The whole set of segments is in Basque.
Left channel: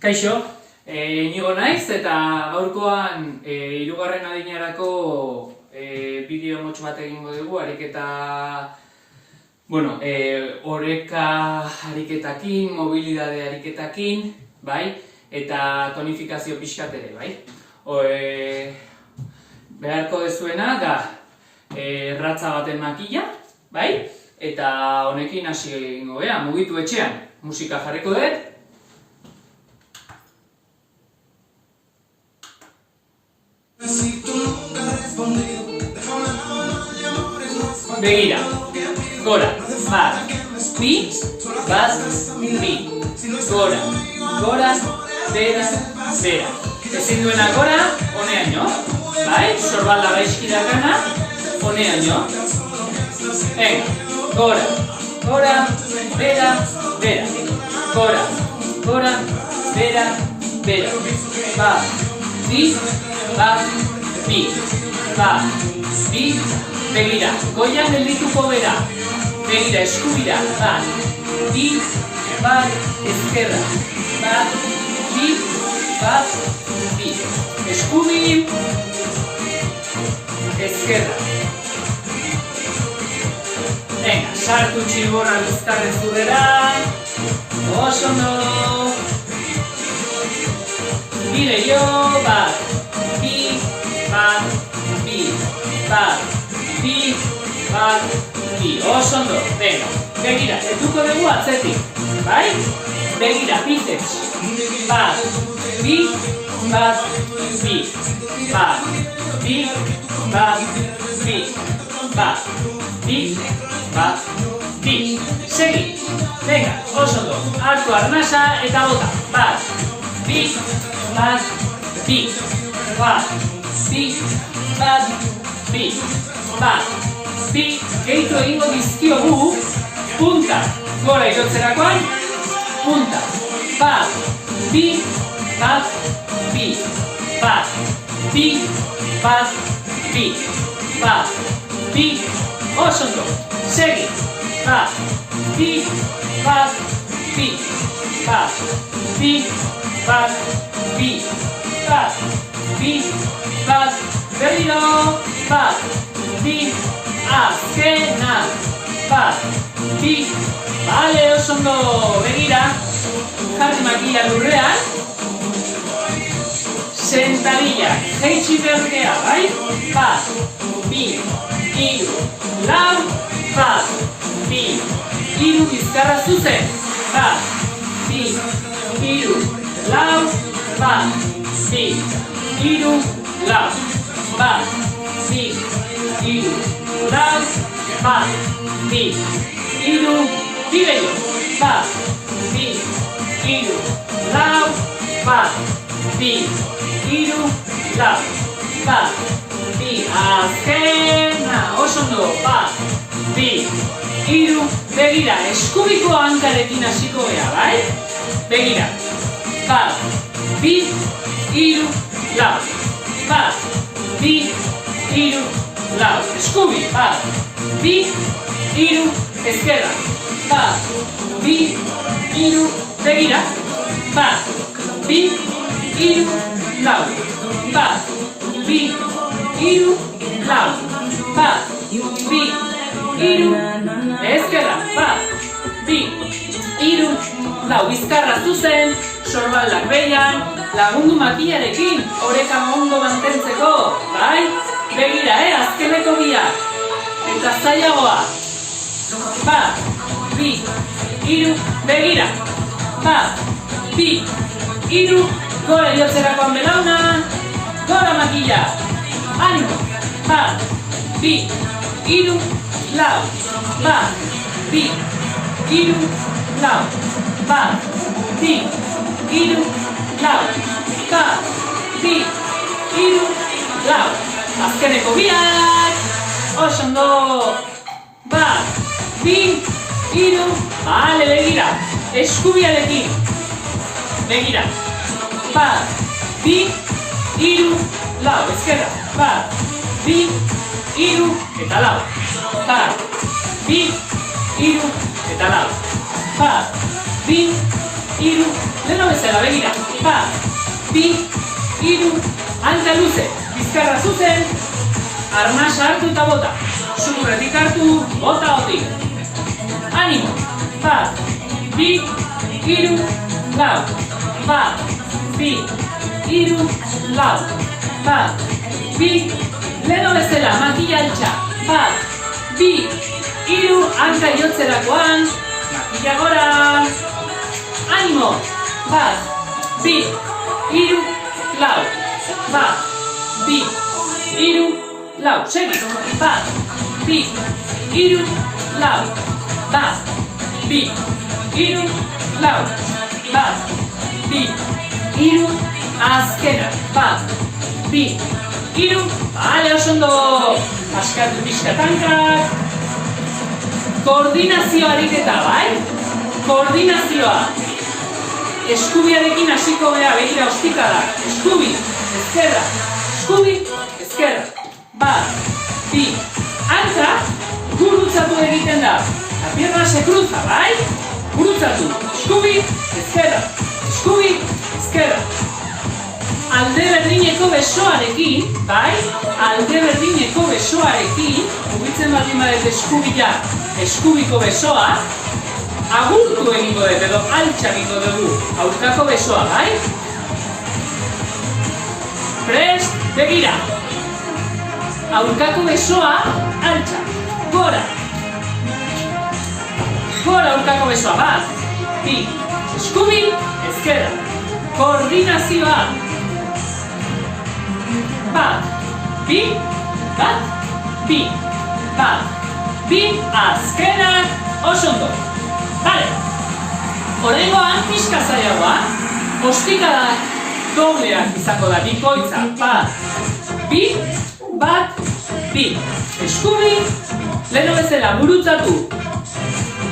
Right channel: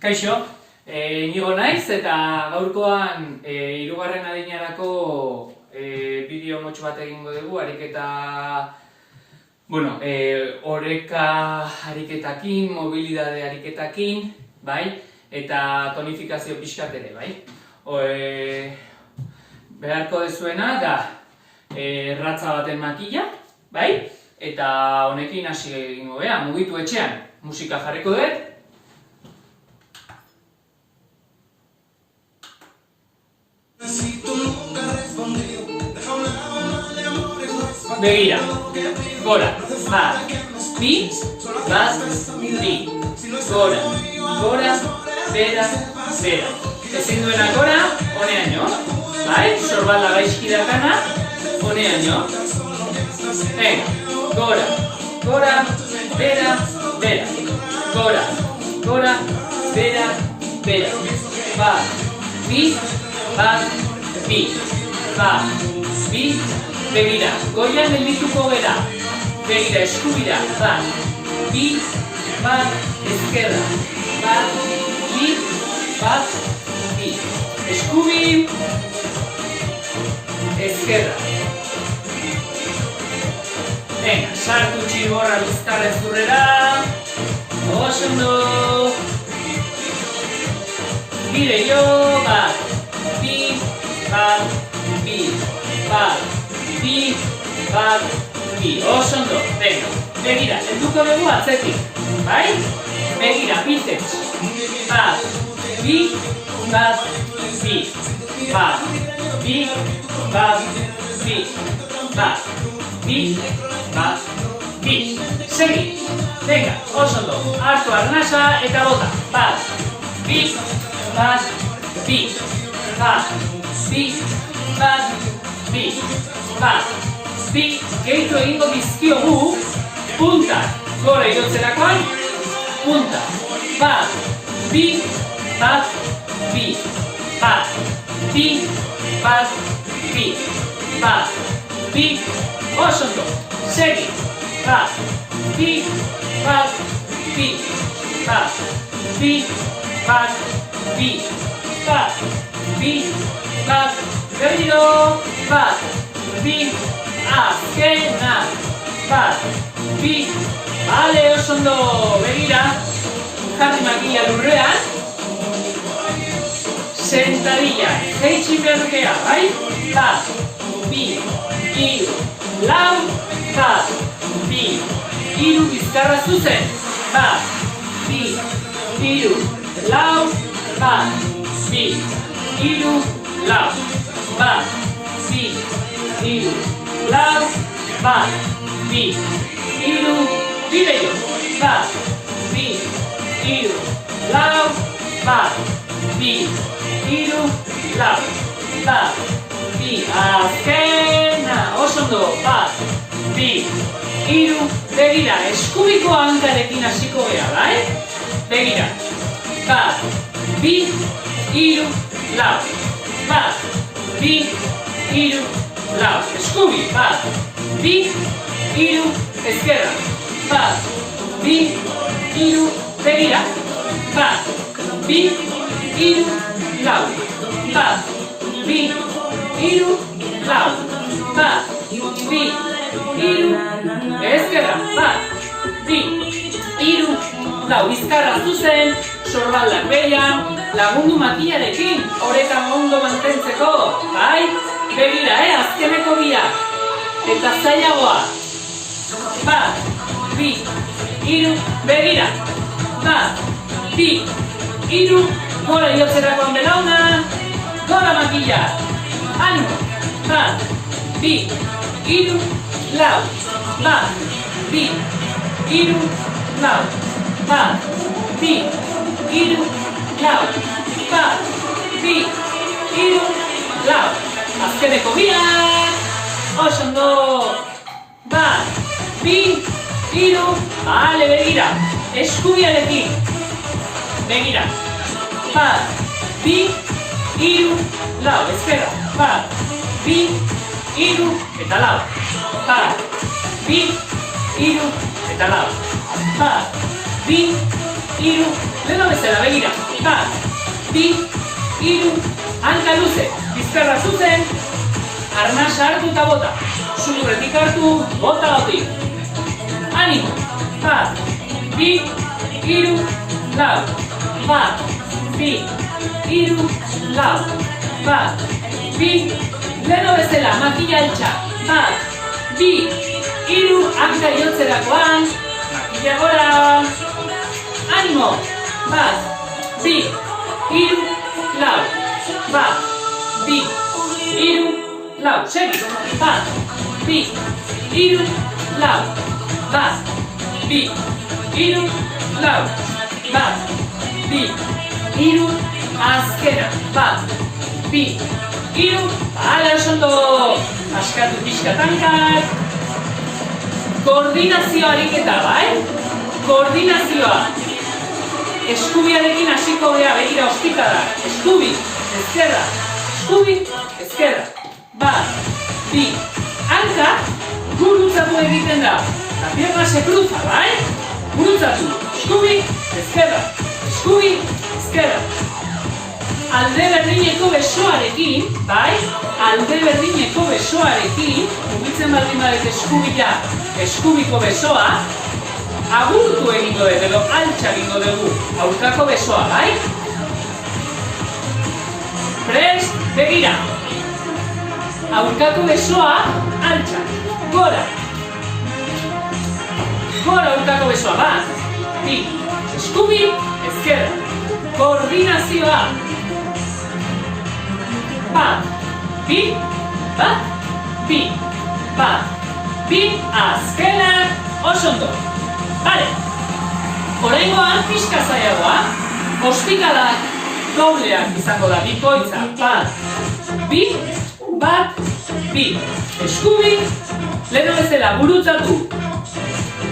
Kaixo, Inigo naiz eta gaurkoan hirugarren adinarako bideo motx bat egingo dugu, ariketa, oreka ariketakin, mobilidade ariketakin, bai? Eta tonifikazio pixkat ere, bai? Beharko dezuena da ratza baten makila, bai? Eta honekin hasi egingo beha, mugitu etxean, musika jarriko dut. Begira, gora, bat, bi, bat, bi, gora, gora, bera, bera. Ezin duena gora, honeaino, bai? Sorbalda gaizkirakana, honeaino. Gora, gora, bera, bera. Gora, gora, bera, bera. Bat, bi, bat, bi, bat, bi, begira, goian geldituko bera. Begira, eskubira, bat, bi, bat, ezkerra. Bat, bi, bat, bi. Eskubi, ezkerra. Venga, sartu txigorra bizkarrez zurrera. Oso ondo. Dire jo, bat, bi, bat, bi, bat, bi, bat, bi. Oso ondo. Venga, begira, helduko dugu atzetik. Bai? Begira, bitez. Bat, bi, bat, bi. Bat, bi, bat, bi. Bat, bi, bat, bi. Segi. Venga, oso ondo. Hartu arnasa eta bota. Bat, bi, bat, bi. Bat, bi, bat, bi. Bat, bi. Gehitu egingo dizkiogu. Punta. Gora igotzerakoan. Punta. Bat, bi, bat, bi. Bat, bi, bat, bi. Bat, bi. Oso ondo. Segi. Bat, bi, bat, bi. Bat, bi, bat, bi. Bat, bi, bat, berriro. Bat, bi, azkena. Bat, bi. Bale, oso ondo. Begira. Jarri makila lurrean. Sentadilla. Jeitsi bergea, bai? Bat, bi, iru, lau. Bat, bi, iru bizkarra zuzen. Bat, bi, iru, lau. Bat, bi, iru, lau. Bat, bi, iru, lau. Bat, bi, iru, bideio. Bat, bi, iru, lau. Bat, bi, iru, lau. Bat, bi, azkena. Oso ondo. Bat, bi, iru, begira, eskubiko hankarekin hasiko gea, bai? Begira. Bat, bi, iru, lau. Bat, bi, iru, lau. Eskubi. Bat, bi, iru, ezkerra. Bat, bi, iru, begira. Bat, bi, iru, lau. Bat, bi, iru, lau. Bat, bi, iru, ezkerra. Bat, bi, iru, lau. Bizkarra zuzen, sorbaldak behian, lagundu makilarekin, orekan ondo mantentzeko, bai? Begira, azkeneko biak. Eta zailagoa. Bat, bi, iru, begira. Bat, bi, iru, gora iotzerakoan belauna. Gora makila. Animo. Bat, bi, iru, lau. Bat, bi, iru, lau. Bat, bi, iru, lau. Bat, bi, iru, lau. Azkeneko biak. Oso ondo. Bat, bi, iru. Bale, begira. Eskubiarekin. Begira. Bat, bi, iru, lau. Ezkerra. Bat, bi, iru, eta lau. Bat, bi, iru, eta lau. Bat, bi, hiru, leno bezala, begira, bat, bi, hiru, hanka luze, bizkarra zuzen, arnasa hartu eta bota, zurretik hartu, bota hoti, animo, bat, bi, hiru, lau, bat, bi, hiru, lau, bat, bi, leno bezala, makila altxa, bat, bi, hiru, hanka jotzerakoan, makila gora, animo, bat, bi, hiru, lau, bat, bi, hiru, lau, segi, bat, bi, hiru, lau, bat, bi, hiru, lau, bat, bi, hiru, azkena, bat, bi, hiru, bale, oso ondo, askatu pixkatankak, koordinazio ariketa, bai? Koordinazioa, eskubiarekin hasiko beha, begira ostikara, eskubi, ezkerra, eskubi, ezkerra, bat, bi, hanka, gurutzatu egiten da, la pierna se cruza, bai? Gurutzatu, eskubi, ezkerra, eskubi, ezkerra. Alde berdineko besoarekin, bai? Alde berdineko besoarekin, mugitzen baldin badet eskubila, eskubiko besoa, agurtu egingo dut, edo altxa egingo dugu, aurkako besoa, bai? Prest, begira. Aurkako besoa, altxa, gora. Gora aurkako besoa, bat, bi, eskubi, ezkerra. Koordinazioa. Bat, bi, bat, bi, bat, bi, azkenak, oso ondo. Bale, oraingoan pixka zailagoa, ostikada dobleak izango da, bikoitza, bat, bi, bat, bi, eskubi, leno bezala, gurutzatu,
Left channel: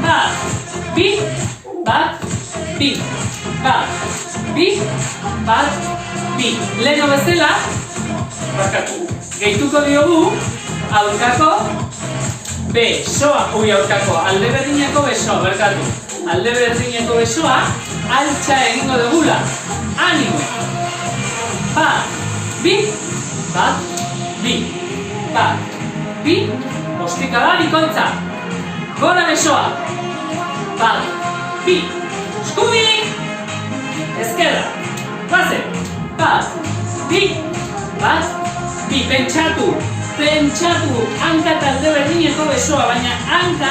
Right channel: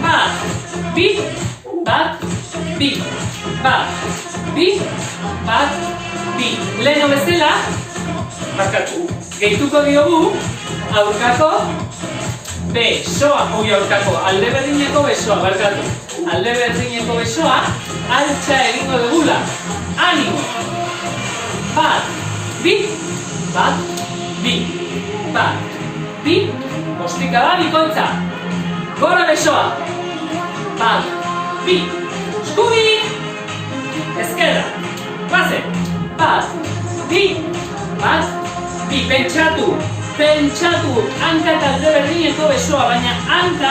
bat, bi, bat, bi, bat, bi, bat, bi, leno bezala, barkatu, gehituko diogu, aurkako besoa, aurkako, alde berdineko besoa, barkatu, alde berdineko besoa, altxa egingo dugula, animo, bat, bi, bat, bi, bat, bi, ostikada bikoitza, gora besoa, bat, bi, eskubi, ezkerra, base, bat, bi, bat, bi, pentsatu, hanka eta alde berdineko besoa, baina hanka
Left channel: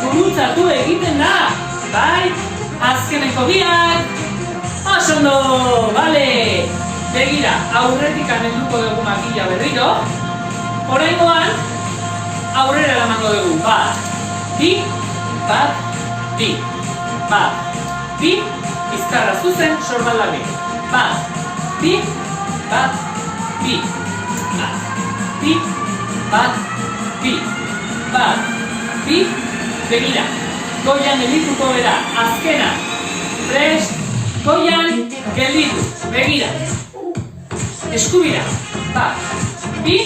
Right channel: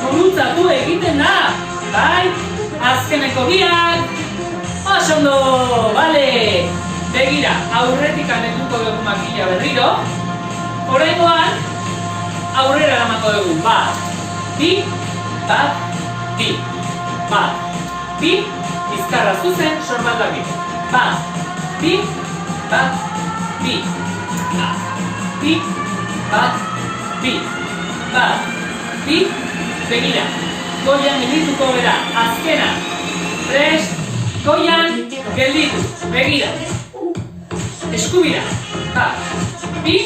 gurutzatu egiten da, bai, azkeneko biak, oso ondo, bale, begira, aurretik anetuko dugu makila berriro, oraingoan, aurrera eramango dugu, bat, bi, bat, bi, bizkarra zuzen, sorbaldarik, bat, bi, bat, bi, bat, bi, begira, goian geldituko bera, azkena, prest, goian gelditu, begira, eskubira, bat, bi,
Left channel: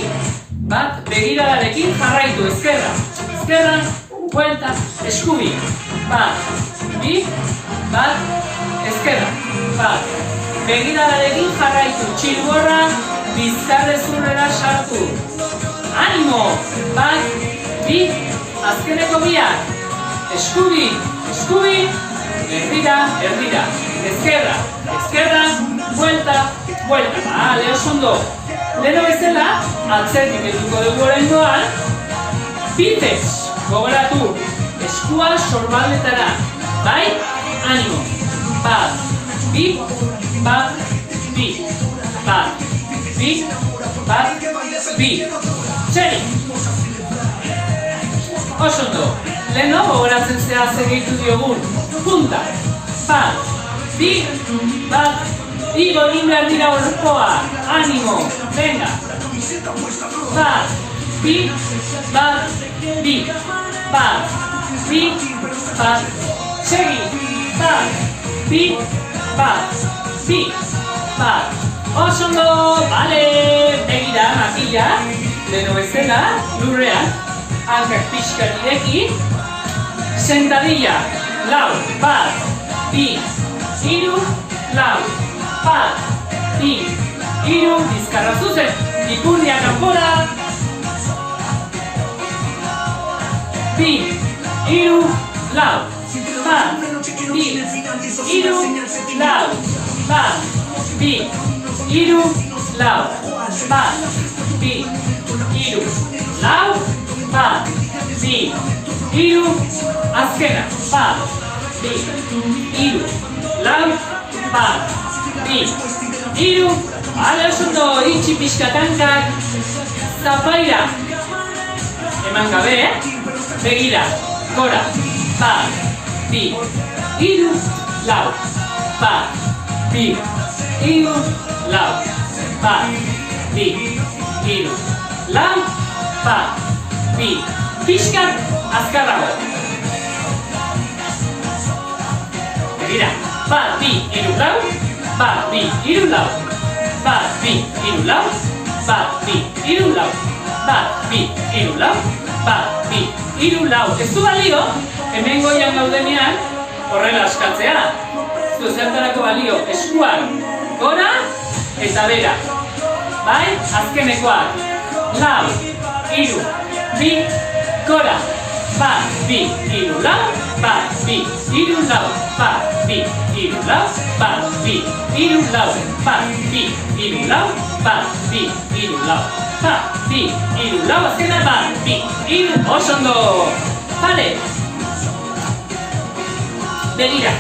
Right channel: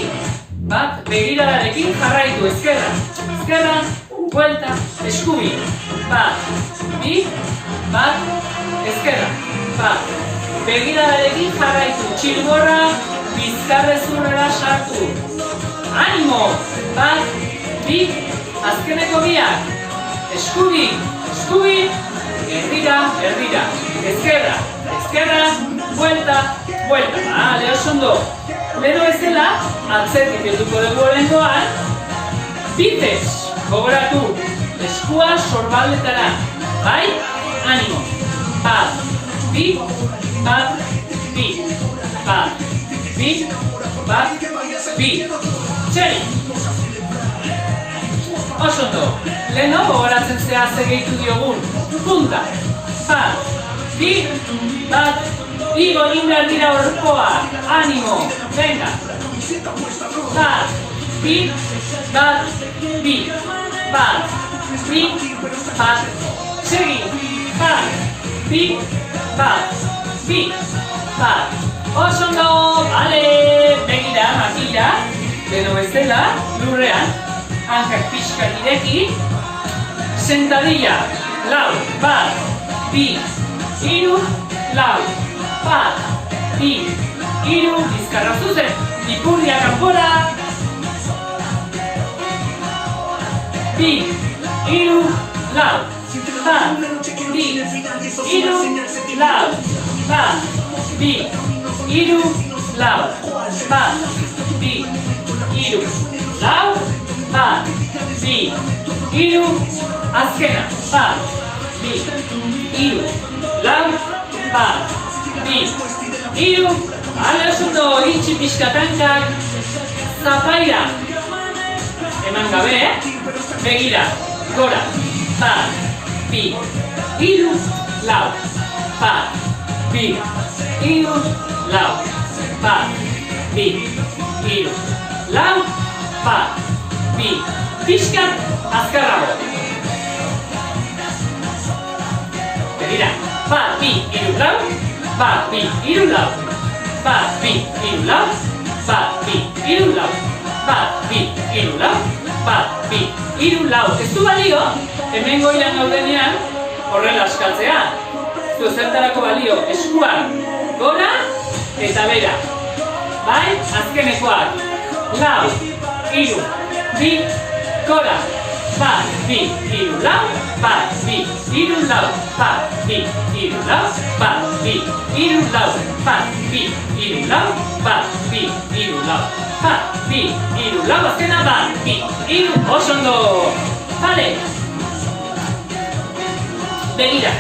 bat, begiradarekin jarraitu, ezkerra, buelta, eskubi, bat, bi, bat, ezkerra, bat, begiradarekin jarraitu, txilborra, bizkarrezurrera sartu. Animo! Bat, bi, azkeneko biak. Eskubi, erdira, ezkerra, buelta. Bale, oso ondo. Lero bezala, atzetik eduko dugu oraingoan, biceps, gogoratu, eskua sorballetara. Bai, animo. Bat, bi, bat, bi, bat, bi, bat, bi. Txeri! Oso ondo, leheno gogoratzen zera gehitu diogun. Punta, bat, bi, bat, igo egin behar dira orpoa. Animo, venga. Bat, bi, bat, bi, bat, bi, bat, segi. Bat, bi, bat, bi, bat. Oso ondo, bale, begira, makila, leheno bezala, lurrean, hankak pixka ireki, sentadilla, lau, bat, bi, hiru, lau, bat, bi, hiru, bizkarra zuzen, ipurdia kanpora, bi, hiru, lau, bat, bi, hiru, lau, bat, bi, hiru, lau, bat, bi, hiru, lau, bat, bi, hiru, azkena, bat, bi, hiru, lau, bat, bi, hiru, ale oso ondo, itxi pixka tankak, zapaira, eman gabe, begira, gora, bat, bi, hiru, lau, bat, bi, hiru, lau, bat, bi, hiru, lau, bat, bi, pixkat, azkarrago. Begira, bat, bi, hiru, lau, bat, bi, hiru, lau, bat, bi, hiru, lau, bat, bi, hiru, lau, bat, bi, hiru, lau, bat, bi, hiru, lau. Ez du balio, hemen goian gaudenean, horrela askatzea. Ez zertarako balio, eskuak gora eta bera. Bai, azkenekoak. Lau, hiru, bi, gora. Bat, bi, hiru, lau, bat, bi, hiru, lau, bat, bi, hiru, lau, bat, bi, hiru, lau, bat, bi, hiru, lau, bat, bi, hiru, lau, bat, bi, hiru, lau, azkena, bat, bi, hiru, oso ondo. Bale. Begira.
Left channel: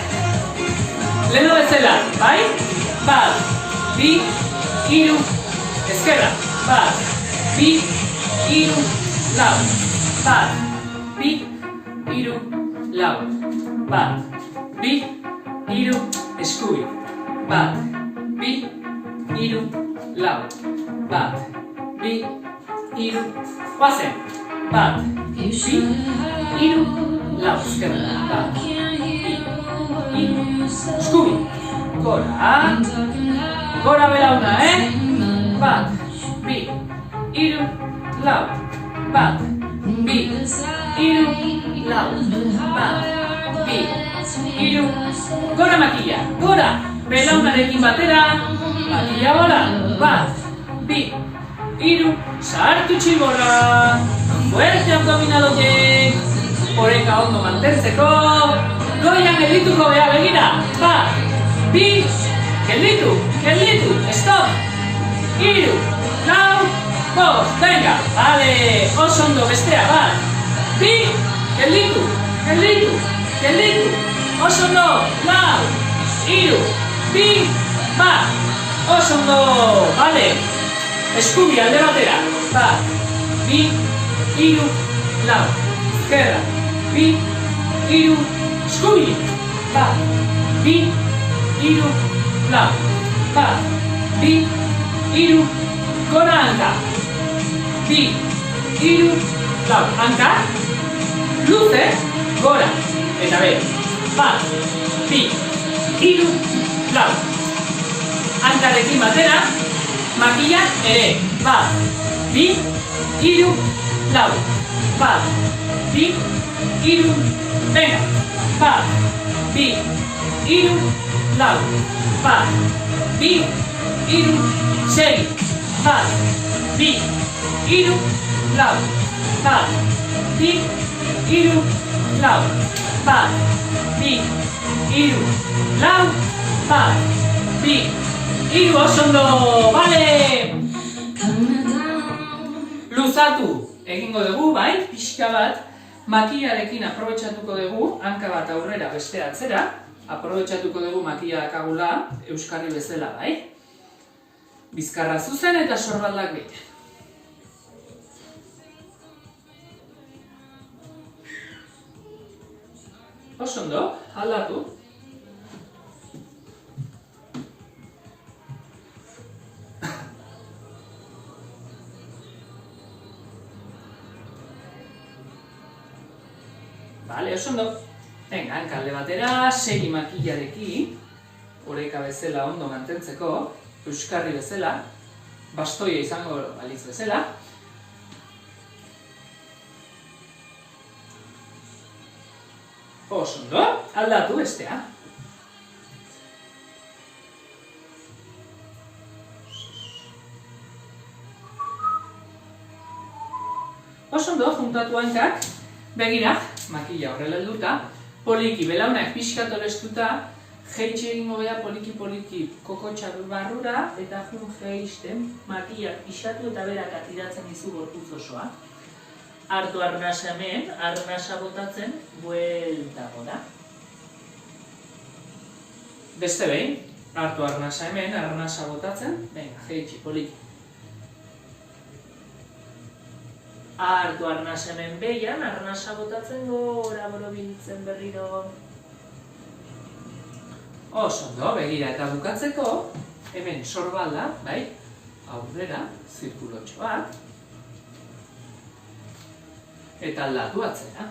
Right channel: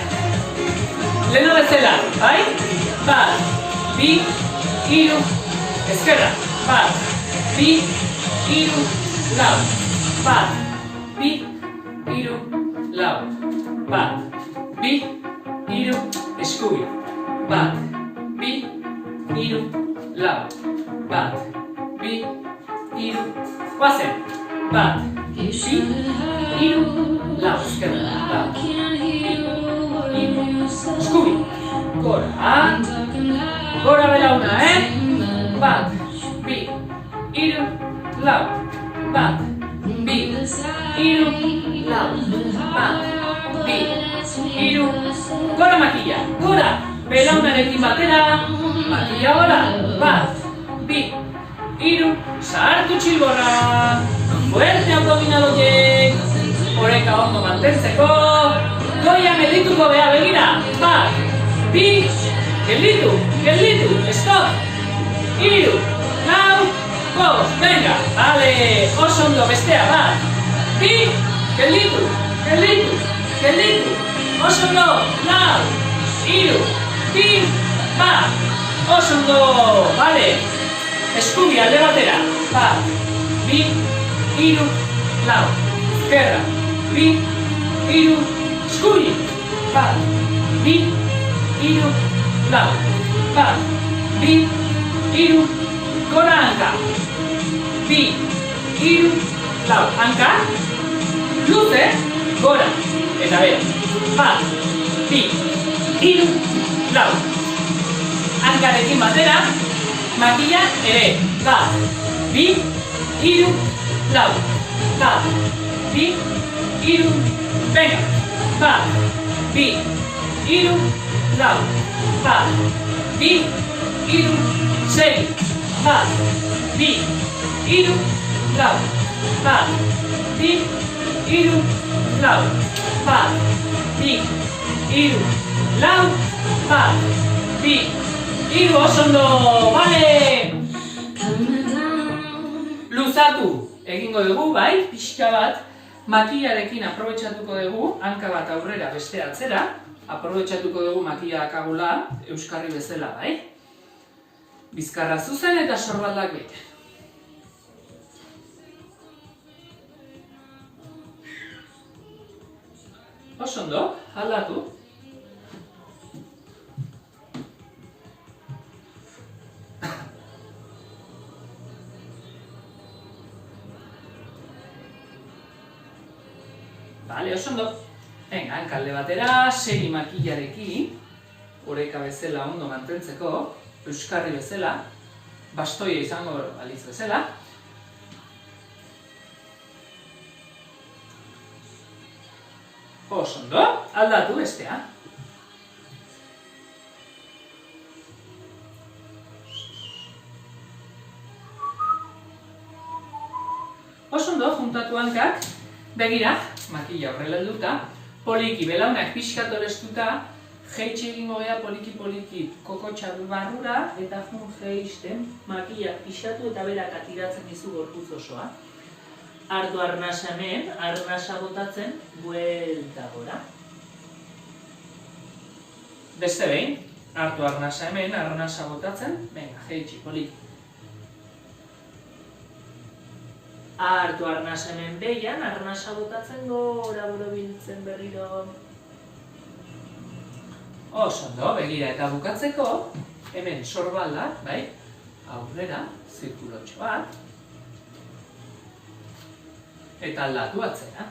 Leno bezala, bai? Bat, bi, hiru, eskerra, bat, bi, hiru, lau, bat, bi, hiru, lau, bat, bi, hiru, eskubi, bat, bi, hiru, lau, bat, bi, hiru, guazen, bat, bi, hiru, lau, eskerra, bat, bi, hiru, eskubi, gora belauna, bat, bi, hiru, lau, bat, bi, hiru, lau, bat, bi, hiru, gora makila, gora, belaunarekin batera, makila gora, bat, bi, hiru, sartu txilborra, fuerte abdominaloiek, oreka ondo mantentzeko, goian geldituko beha begira, bat, bi, gelditu, stop, hiru, lau, bost, venga, bale, oso ondo bestea, bat, bi, gelditu, oso ondo, lau, hiru, bi, bat, oso ondo, bale, eskubi alde batera, bat, bi, hiru, lau, izquierda, bi, hiru, eskubi, bat, bi, hiru, lau, bat, bi, hiru, gora hanka, bi, hiru, lau, hanka, luze, gora, eta be, bat, bi, hiru, lau, hankarekin batera, makila ere, bat, bi, hiru, lau, bat, bi, hiru, venga, bat, bi, hiru, lau, bat, bi, hiru, seri, bat, bi, hiru, lau, bat, bi, hiru, lau, bat, bi, hiru, lau, bat, bi, hiru, oso ondo, bale! Luzatu egingo dugu, bai, pixka bat, makilarekin aprobetxatuko dugu, hanka bat aurrera beste atzera, aprobetxatuko dugu makila dakagula, euskarri bezala, bai? Bizkarra zuzen eta sorbaldak bete. Oso ondo, aldatu. Bale, oso ondo. Venga, hankalde batera, segi makilarekin, oreka bezala ondo mantentzeko, euskarri bezala, bastoia izango balitz bezala. Oso ondo, aldatu bestea. Oso ondo, juntatu hankak, begira, makila horrela helduta, poliki, belaunak pixkat olestuta, jeitxe egingo geha poliki kokotxa barrura, eta jun jeisten, makila pixatu eta berak atiratzen dizu gorputz osoa. Hartu arnasa hemen, arnasa botatzen, buelta gora. Beste behin, hartu arnasa hemen, arnasa botatzen, venga, jeitxe, poliki. Hartu arnasa hemen behian, arnasa botatzen gora borobiltzen berriro. Oso ondo, begira eta bukatzeko, hemen sorbalda, bai, aurrera, zirkulotxo bat, eta aldatu atzera.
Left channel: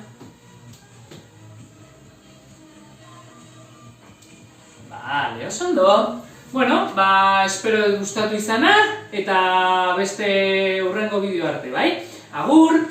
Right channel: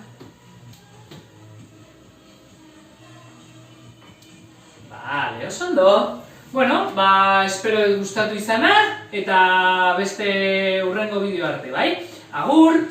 Bale, oso ondo. Bueno, espero gustatu izana, eta beste hurrengo bideo arte, bai? Agur!